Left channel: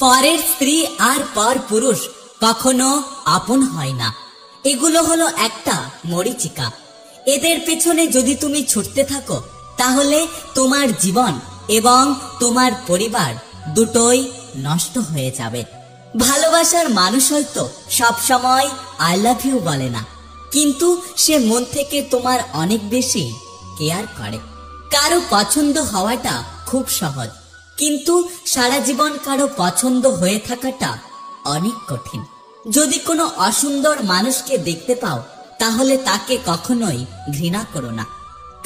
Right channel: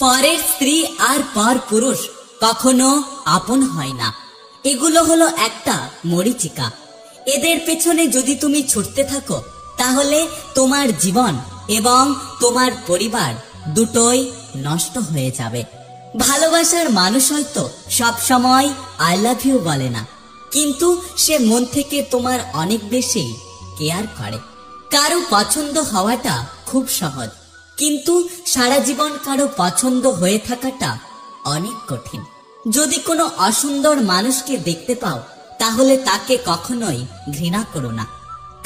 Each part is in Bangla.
পরের স্ত্রী আর পর পুরুষ কখনো আপন হয় না। এগুলো হলো একটা মরীচিকা। এদের পেছনে যদি তুমি ছুটতে থাকো তাহলে তোমার জীবন এবং তোমার পরিবার দুটোই নষ্ট হয়ে যাবে। ভালোবাসার মানুষ হয়তো সবসময় আই লাভ ইউ বলে না, কিন্তু সে মন থেকে তোমার অনেক বেশি কেয়ার করে। কারো পছন্দ হওয়াটা খুব সহজ, কিন্তু সারা জীবন কারো পছন্দ হয়ে থাকাটা অনেক কঠিন। যদি কোনো অসুন্দর মানুষকে দেখতে পাও তাহলে তাকে কখনোই ঘৃণা করো না,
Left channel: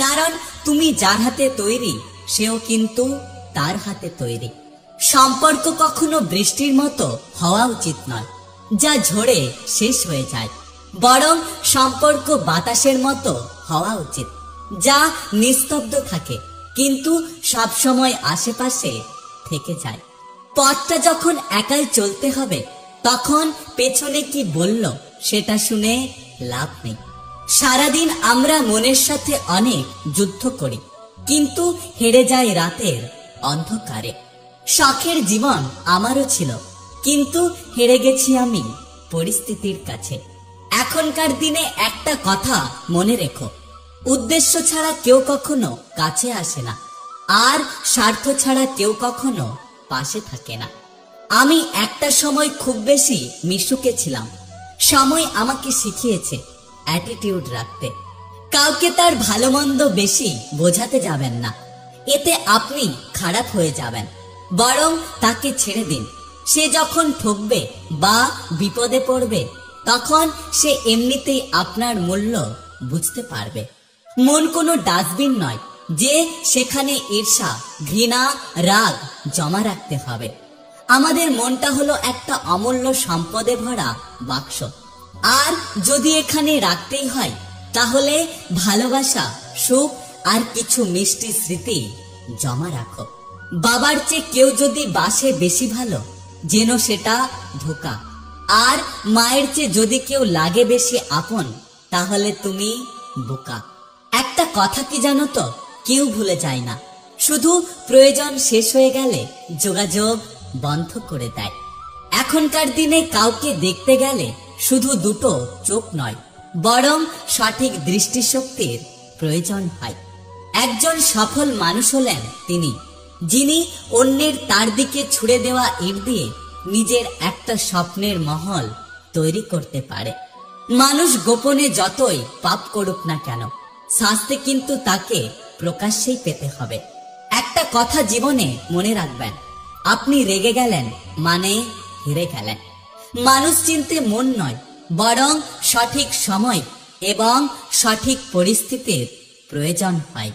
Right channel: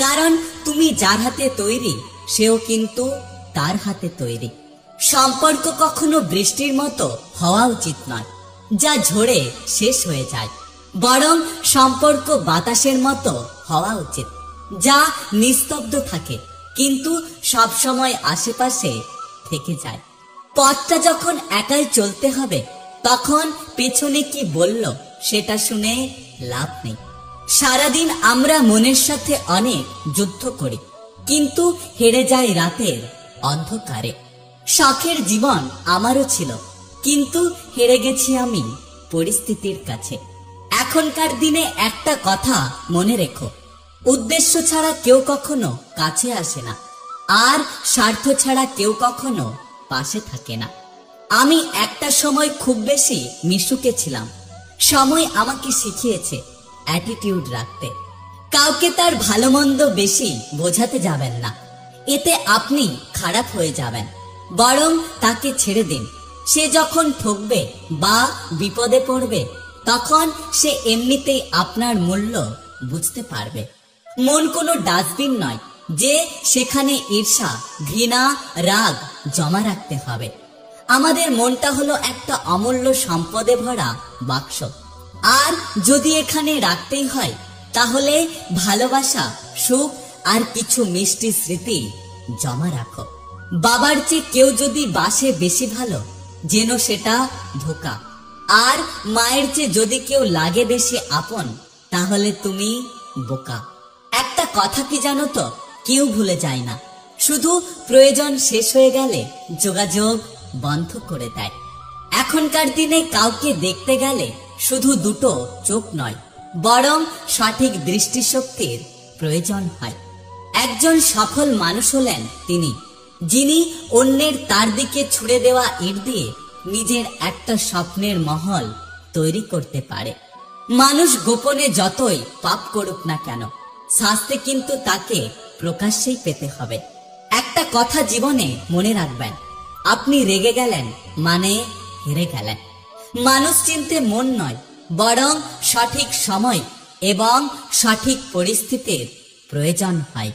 কারণ তুমি যার হাতে তৈরি সেও কিন্তু তার হাতে তৈরি। সম্পর্ক কখনো বৃষ্টির মতো হওয়া উচিত নয়, যা ঝরে শেষ হয়ে যায়। বরং সম্পর্ক বাতাসের মতো হওয়া উচিত, যা নিস্তব্ধ থাকে কিন্তু সব সময় আশেপাশে থেকে যায়। পথটা যখন একাই চলতে হবে তখন পেছনে কি বলল সেটা শুনে লাভ নেই। সারাদিন আমরা মনের সাথে অনেক যুদ্ধ করি, কিন্তু হেরে যাই রাতের অন্ধকারে। শখের জীবন আমারও ছিল, কিন্তু হেরে গেছি আমি পরিস্থিতির কাছে। এখনকার দিনে একটা কথা মনে রেখো, উদ্দেশ্য ছাড়া কেউ কখনো কাছে আসে না, আর স্বার্থ ছাড়া কেউ কখনো পাশে থাকে না। আমি একটা সময় খুব বেশি মিশুকে ছিলাম। সময় আমাকে শিখিয়েছে অ্যাটিটিউড রাখতে। কাউকে তার ভালো মন্দ বেশি বোঝাতে যাবেন না, এতে আপনি খারাপ হয়ে যাবেন। বরং তাকে ছেড়ে দিন। সে যখন ঠকবে বা বিপদে পড়বে তখন সে এমনিতেই আপনার মূল্য বুঝতে পারবে। মন কোনো ডাস্টবিন নয় যে সেখানে ঈর্ষা, ঘৃণা, রাগ জমা রাখতে হবে। আমাদের মনটা হলো একটা অমূল্য সম্পদে ভরা বাক্স, আর যদি এখানে রাখতেই হয় তাহলে ভালোবাসা, সুখ আর কিছু মিষ্টি স্মৃতি জমা রাখো। বাবার চেয়ে কেউ যদি বাসে বেশি ভালো, যেন সেটা ধোঁকা। আর মায়ের চেয়ে যদি কেউ লাগে বেশি আপন, তাহলে তুমি বোকা। একটা কথা কি জানো তো, কেউ ভুলে যায় না, শুধু প্রয়োজন শেষ হয়ে গেলে যোগাযোগ বন্ধ করে দেয়। এখনকার দিনে কাউকে দেখতে গেলে শুধু দুটো চোখ নয়, বরং সঠিক দৃষ্টিশক্তির প্রয়োজন হয়। একজন সফল মানুষ হলেন তিনি, যিনি অন্যের তার দিকে ছুড়ে দেওয়া ইট দিয়ে নিজের একটা স্বপ্নের মহল তৈরি করতে পারে। মানুষ গোপনে যতই পাপ করুক না কেন, শাস্তি কিন্তু তাকে প্রকাশ্যেই পেতে হবে। একটা কথা জীবনে মনে রাখবেন, আপনি রেগে গেলেন মানে হেরে গেলেন। মানুষ চিনতে মন নয়, বরং সঠিক সময় এবং সঠিক পরিস্থিতির প্রয়োজন হয়।